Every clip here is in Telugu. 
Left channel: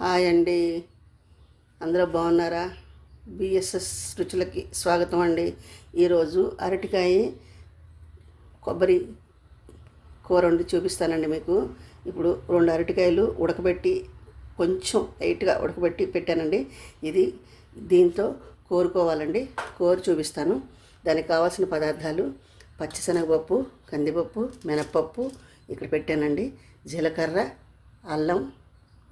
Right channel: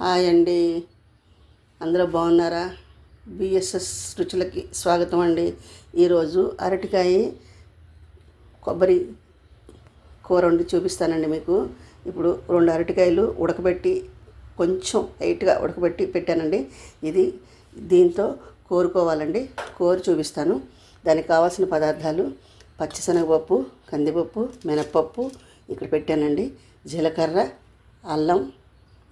హాయ్ అండి, అందరూ బాగున్నారా? బిఎస్ఎస్ రుచులకి స్వాగతం అండి. ఈరోజు అరటికాయ కొబ్బరి కూర వండి చూపిస్తానండి మీకు. ఇప్పుడు 2 అరటికాయలు ఉడకబెట్టి కొంచెం లైట్గా ఉడకబెట్టి పెట్టానండి. దీంతో కోరుకోవాలండి. కోరి చూపిస్తాను. దానికి కావాల్సిన పదార్థాలు: పచ్చిశనగపప్పు, కందిపప్పు, మినప్పప్పు ఇక్కడ పెట్టానండి. జీలకర్ర, అల్లం,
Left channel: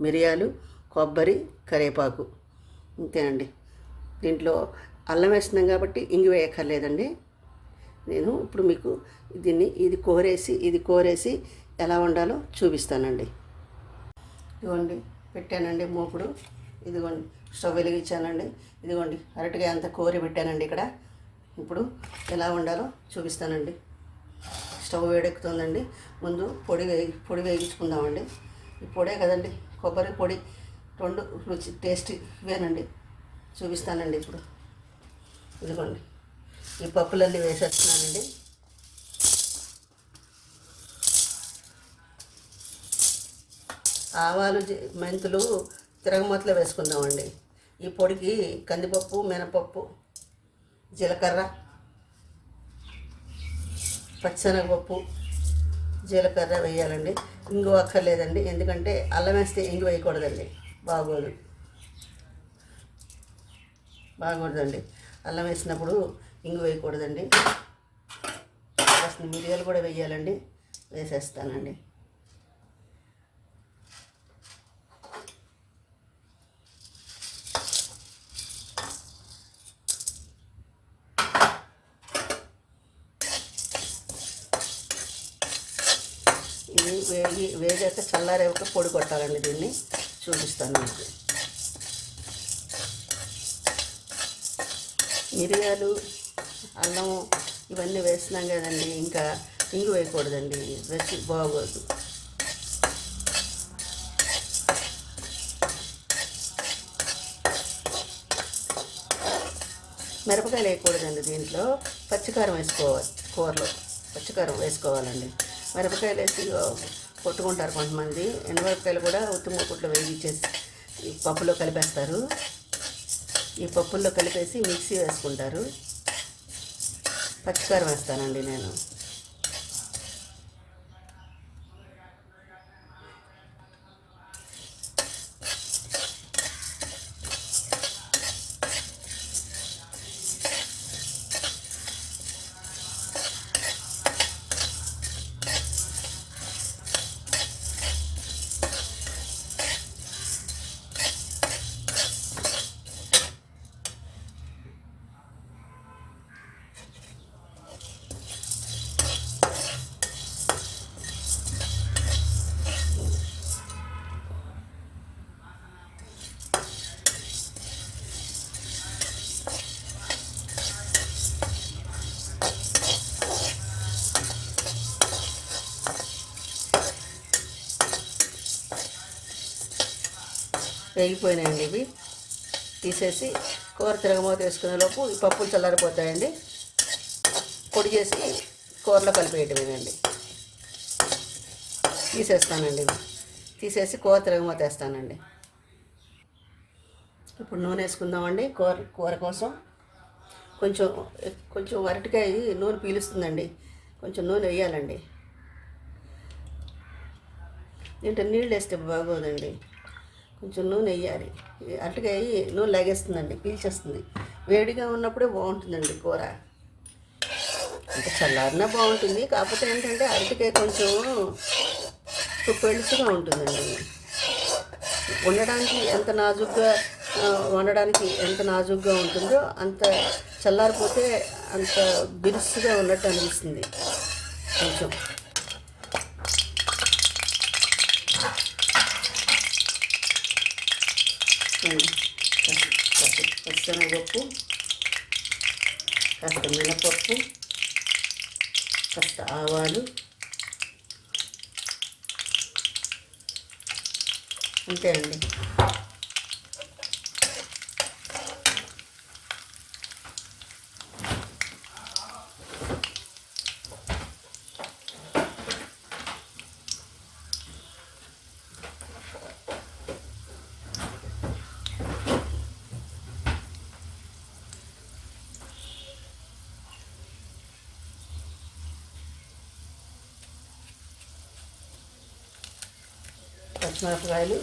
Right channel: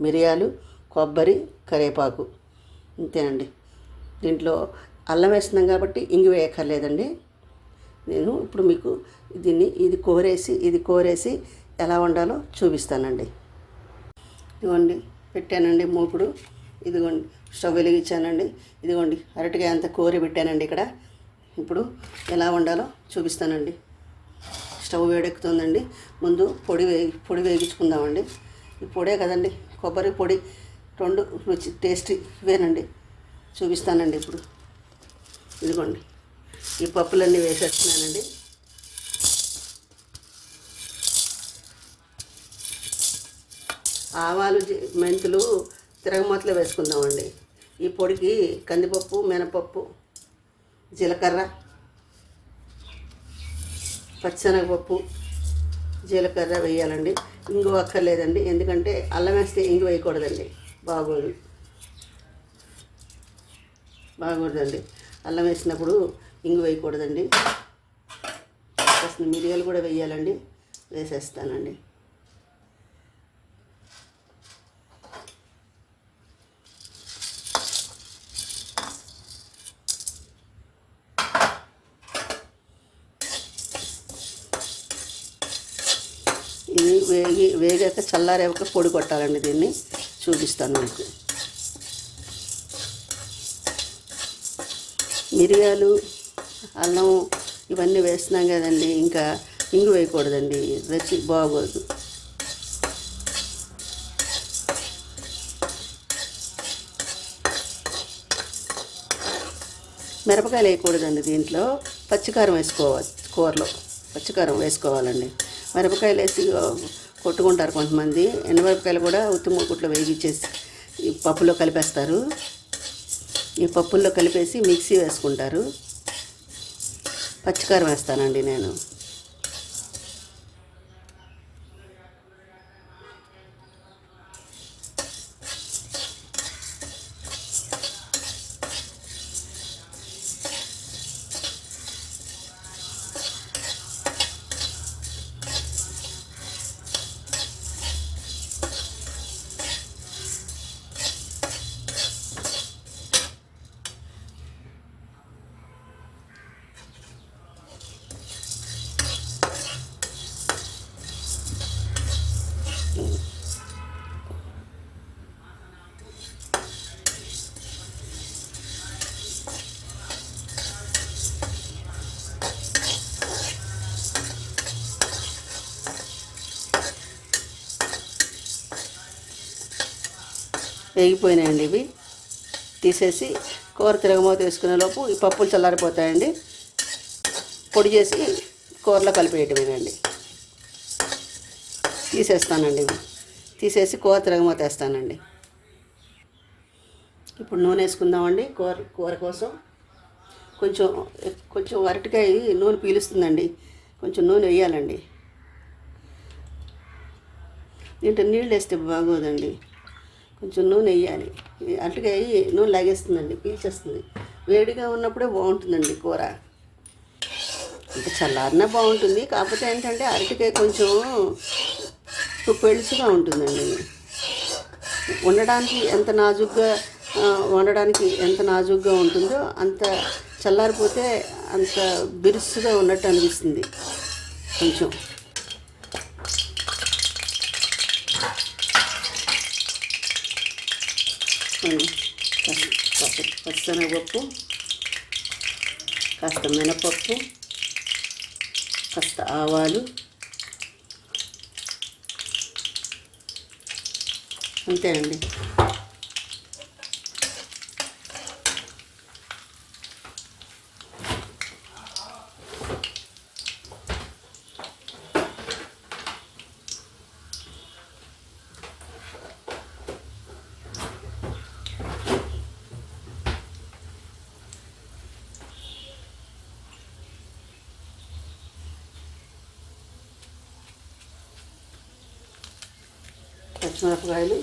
మిరియాలు, కొబ్బరి, కరివేపాకు, ఇంతేనండి. దీంట్లో అల్లం వేస్తున్నాం కాబట్టి ఇంగు వేయక్కర్లేదండి. నేను ఇప్పుడు మీకు ఇది కోరేసి ఎలా వండాలో చూపిస్తానండి. ఇదిగోండి పెట్టానండి మూకుడు. ఇదిగోండి స్టవ్ వెలిగించానండి. ఇదిగోండి అరటికాయ అంతా కోరి పెట్టానండి ఇక్కడ. ఇప్పుడు ఎలా వండాలో చూపిస్తానండి. స్టవ్ వేడెక్కుతుందండి. ముందు పొడి వేగించుకుందామండి. ఈ పొడే కదండి, కొబ్బరి పొడి, 2 రుచి టేస్ట్ ఇవేనండి. చూపిస్తానండి. ఇప్పుడు ఇదిగోండి ఈ పప్పులన్నీ వేసేస్తున్నానండి. ఆవాలు, మెంతులు తిరగమాతలో వేసుకుందామండి. ఈ పొడికి కందిపప్పు, మినపప్పు, జీలకర్ర, పచ్చిశనగపప్పు, జీలకర్ర వేయాలండి. ఇంగు అక్కర్లేదండి, ఎందుకంటే అల్లం వేస్తే ఇంగు వేయకూడదండి, బాగోదండి. అల్లం వేసినప్పుడు ఇంగు వేయకూడదండి. మిరియాలు కూడా వేయాలండి. వేసేస్తానండి. ఇది వేగాక చల్లారేవక పొడి కొట్టాలండి. దీన్ని చూపిస్తాను మీకు. మిరియాలు, అల్లం ఇవన్నీ వేస్తున్నాం కదండి, ఇంకా ఇంగు వేయకూడదండి, రుచి బాగోదు. మిరపకాయలు వేయకూడదండి. దీంట్లో పచ్చికారం వేసుకోవాలి. కూరలో పచ్చికారం వేసుకోవాలండి. మిరపకాయలు వేసి కొట్టుకుంటారు కొంతమంది. ఎండుమిరపకాయలు కూడా ఉత్తి మూకుట్లో వేగించేసి ఈ పప్పులో కలిపేస్తారు. ఈ పప్పుల్లో కలిపేసి మిక్సీ వేసుకుంటారు. పచ్చికారం వేస్తానండి నేను. వేగిపోయినాయండి. ఇవి తీసేసి కూర తిరగమూత వేసుకునే లోపు ఈ పప్పులు చల్లారిపోతాయండి. పొడి చేసి కూరలో కలిపేయటమేనండి. తీసేస్తానండి. ఇవి తీసేసి కూర తిరగమూత వేస్తానండి. ఇప్పుడు నూనె వేసుకుందామండి. కూర కోసం కొంచెం అరటికాయ నూనె పీలుస్తుందండి. కొంచెం నూనె వేయాలండి. దీంట్లో నీళ్ళు వేస్తే బాగోదండి, కొంచెం నూనె వేయాలి. అరటికాయ నూనె లాగేస్తుందండి, పీల్చేస్తుంది. వేడిగా ఉన్నప్పుడే బాగుంటుందండి కూర. ఇంకా చల్లారినా బాగుంటుంది. కాకపోతే ఏంటంటే అరటికాయ కొంచెం పెళుసుగా ఉంటుందండి. వండడానికి ఎంత నాజుగ్గా ఉంటుందో అంత చల్లారిపోతే అంత బిరుసుగా ఉన్నట్టు అనిపిస్తుంది. కొంచెం పచ్చిశనగపప్పు, కాస్త మినపప్పు, కాస్త ఆవాలు, అంతేనండి. పచ్చిమిరపకాయలు,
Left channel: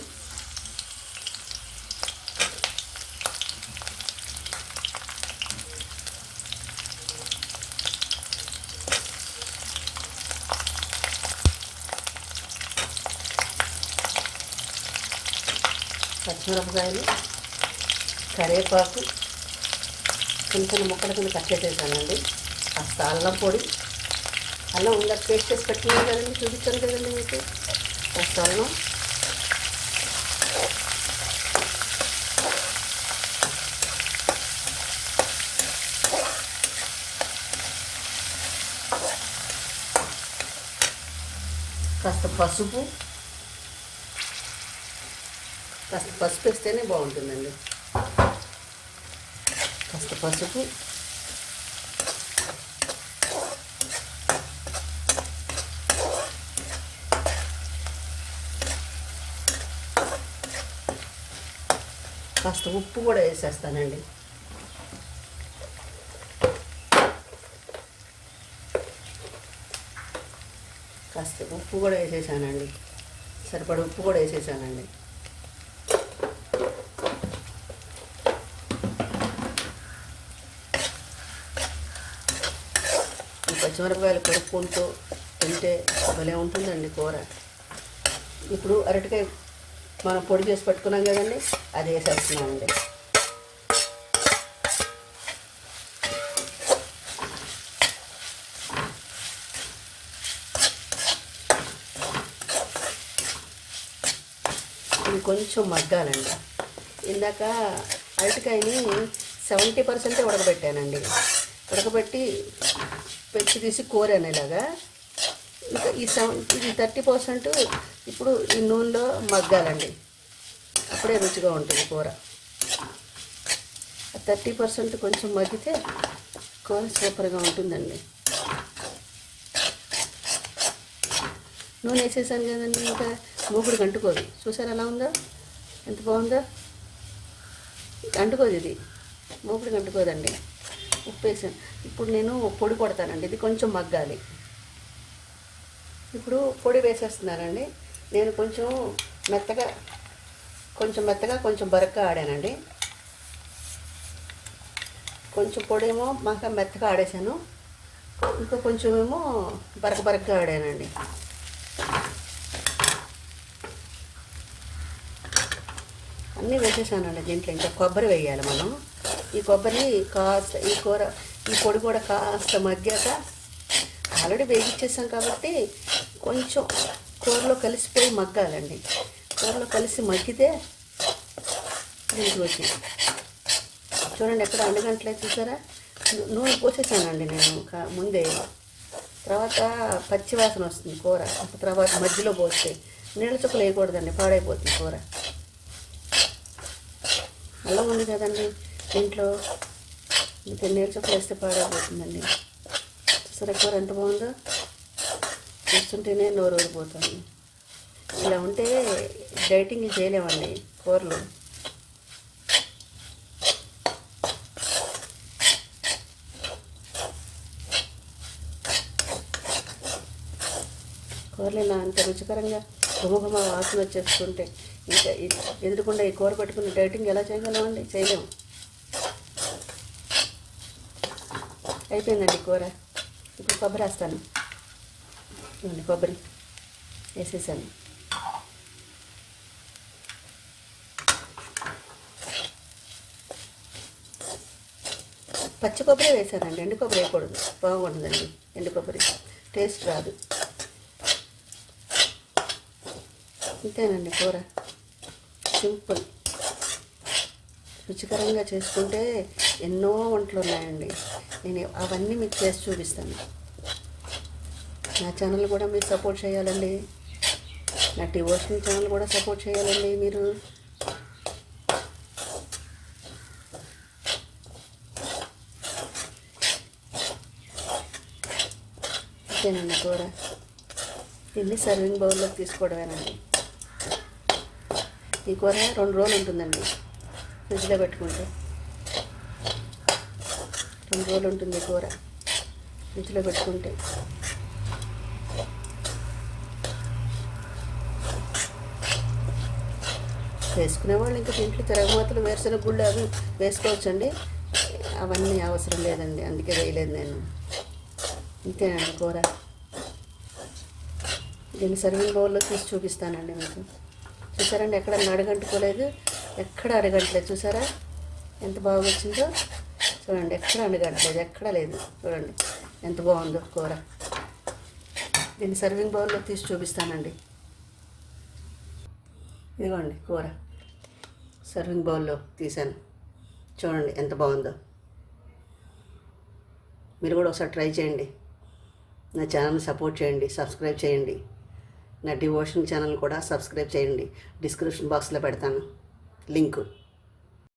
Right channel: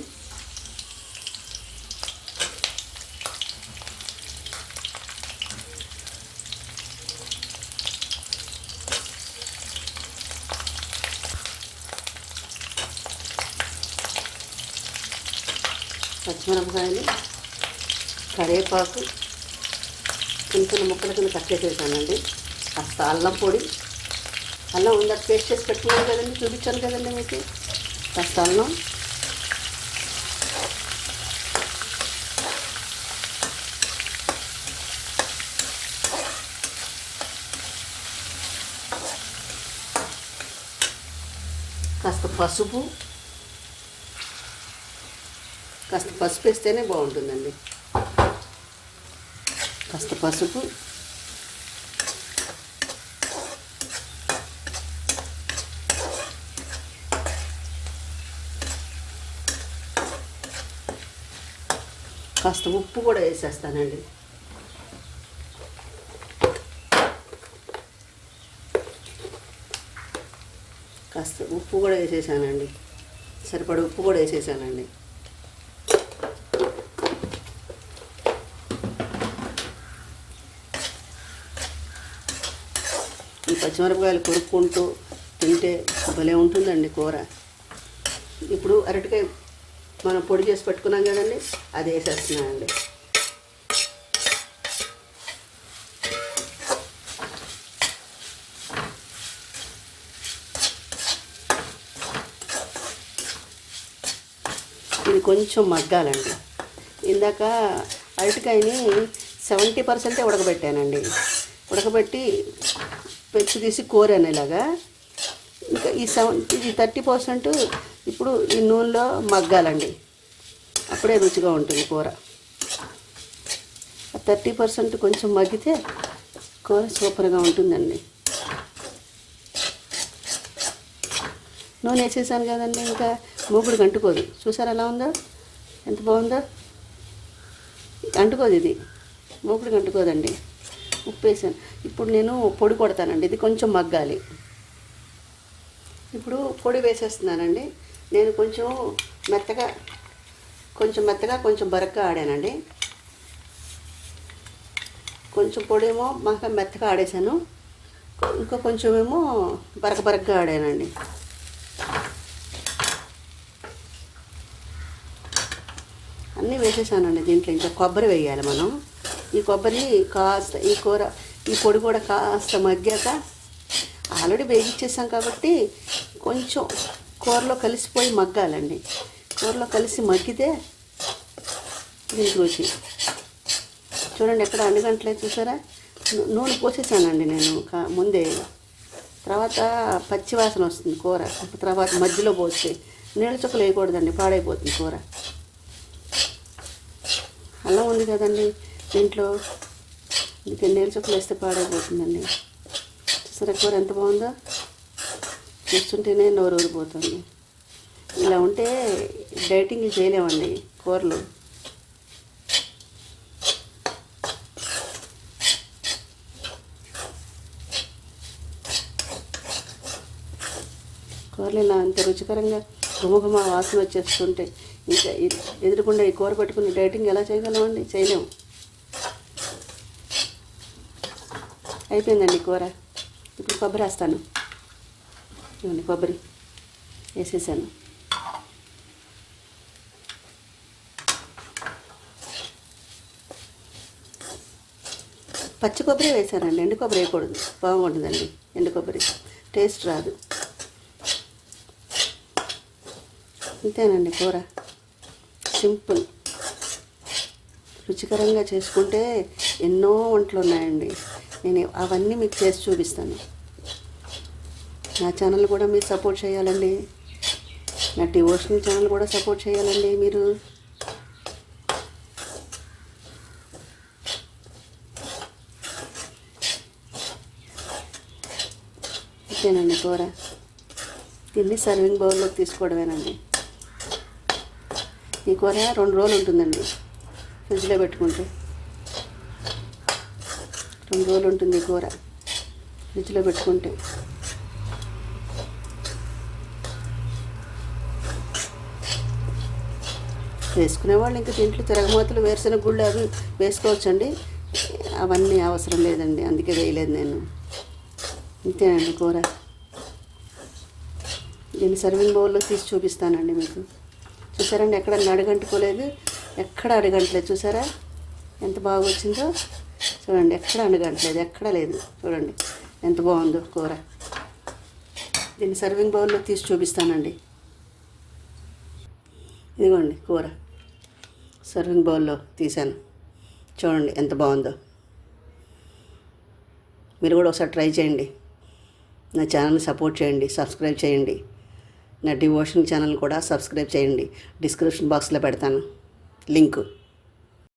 కరివేపాకు చిన్న చిన్న ముక్కల కింద కట్ చేసేసానండి. కాస్త అల్లం పొడి, అల్లం ఉందా పేస్ట్ చేసి పెట్టుకున్నాను కదండి, చూపించాను కదండి మీకు. కాస్త అల్లం, కాస్త పసుపు, కాస్త పసుపు వేస్తేనే బాగుంటుందండి. కాస్త పసుపు, కాస్త ఉప్పు కూడా వేసేస్తానండి. కాస్త ఉప్పు కూడా వేసేసానండి, సరిపడ ఉప్పు కూడా వేసేసానండి. ఈ పచ్చిమిరపకాయలు కొనుక్కుంటూ తింటే భలే ఉంటుందండి కూర. ఇప్పుడు అరటికాయ మనం పొడి చేసి పెట్టుకున్నాం కదండి, అది వేసేస్తున్నామండి. ఇది కొంచెం మగ్గాలండి. ఇందాక అరటికాయని 70% ఉడకబెట్టానండి. ఉడకబెట్టి పెచ్చి తీసి కోరాను ఇలాగా. ఇంకా ఇది 30% ఇప్పుడు ఈ నూనెలో మగ్గాలండి. అప్పుడే రుచిగా ఉంటుంది కూర. 30% కొంచెం మగ్గితే కూర సూపర్గా ఉంటుందండి. నూనె వేసేసాను కదండి, ఇంకా మూగుడికి అంటుకోదు. చూసారు ఎలా ఉందో, ఎంత బాగుందో. అంటుకోదు, ఇది మూగుడికి అంటుకోదండి. ఉప్పు వేసాను. ఇప్పుడు నేను పొడి కొడతానండి, ఇది కొంచెం మగ్గాలి. ఇప్పుడు పొడి వేసేస్తున్నానండి. నేను కొంచెం మెత్తగా కొంచెం బరగ్గా ఆడానండి. కొంచెం పొడేమో మాకు మెత్తగా ఆడేసాను, ఇంకా కొంచెం ఏమో బరకగా ఆడానండి. అన్నీ వేసేసానండి. దీంట్లో ఇంకా కొబ్బరి వేయాలి మనం. ఈ కొబ్బరిని కాస్త ఈ పొడి కూడా కాస్త మగ్గాక, ఆల్రెడీ వేగించేసాం కాబట్టి కొంచెం కూరలో కలిసిపోయి మగ్గాలండి. కూరలో కలిసి మగ్గితే దీనికి రుచి. చూడండి ఎక్కడ అండుగంటలేదు, చూసారా. నూనె పోసేసానండి నేను ముందే. తర్వాత పచ్చి వాసన వస్తుంది కూర. తర్వాత మధ్యలో పోస్తే నీళ్ళ చుక్కలు వేయకూడదండి, పాడైపోతుంది కూర. అల్లం ఉంది కదండి దీంట్లో, ఇంకా నీళ్ళ చుక్కలు వేస్తే పాడైపోతుందండి. చూసారా కూర ఎంత బాగుందో, చూస్తుంటేనే నోరు ఊరిపోతుంది. ఇలా ఉంటే డైటింగ్ చేయలేమండి కూరలు. కూరలు ఇలా అంత రుచికరంగా గుమగుమ వాసన వచ్చేస్తుంటే ఇంకా ఎదురుకుండా ఈ కూర పెట్టుకుని డైటింగ్ ఎలా చేయగలమండి? చేయలేము. అయిపోయిందండి కూర. ఇప్పుడు కొబ్బరి వేస్తాను. కొబ్బరి వేసేసాను. పచ్చి కొబ్బరి వేసానండి, ఎండు కొబ్బరి వేయకూడదు, బాగుంటుందండి. ఎండు కొబ్బరి టేస్ట్ రాదు. ఇంతేనండి కూర, సింపుల్. రుచికరంగా చేసుకుంటే ఎన్నో వంటలు ఉన్నాయండి. నేను అవన్నీ మీకు చేసి చూపిస్తాను. నా ఛానల్ కూడా మీరు సపోర్ట్ చేయాలండి. నా డివోషనల్ ఛానల్ కూడా సపోర్ట్ చేయాలండి మీరు. అంతేనండి కూర. దీన్ని సర్వింగ్ బౌల్లోకి తీసుకోవడమేనండి. ఈ కూర 2 రోజులు ఉంటుందండి ఫ్రిడ్జ్లో పెట్టుకుంటే. 2 రోజులు ఉంటుంది ఈ కూర ఫ్రిడ్జ్లో పెట్టుకుంటే. వేసుకునే వాళ్ళు ఇంకా దీంట్లో తిరగమాతలు వేరుశనగ గుళ్ళు అవి వేసుకోవచ్చండి. అవన్నీ అవసరం లేదండి, అందుకే వేయలేదు నేను. ఇంతేనండి కూర. దీన్ని సర్వింగ్ బౌల్లో తీసి చూపిస్తానండి మీకు. చూసారండి, ఎక్కడ అడుగంటుకోలేదు, ఎక్కడ అడగంటలేదు. చూసారా ఎంత బాగా వచ్చిందో? చూడండి, ఎక్కడ అడగంటలేదు, ఎక్కడ లేదు. చూడండి ఎంత బాగుందో కూర. దీన్ని సర్వింగ్ బౌల్లో తీసి చూపిస్తానండి. ఇదిగోండి కూర సర్వింగ్ బౌల్లో తీసాను. చూడండి ఎంత బాగుందో. మీరు కూడా ఒకసారి ట్రై చేయండి. నా ఛానల్ని సపోర్ట్ చేయండి, సబ్స్క్రైబ్ చేయండి. నా డివోషన్ ఛానల్ కూడా సబ్స్క్రైబ్ చేయండి. డిస్క్రిప్షన్ బాక్స్లో పెడతాను లింకు.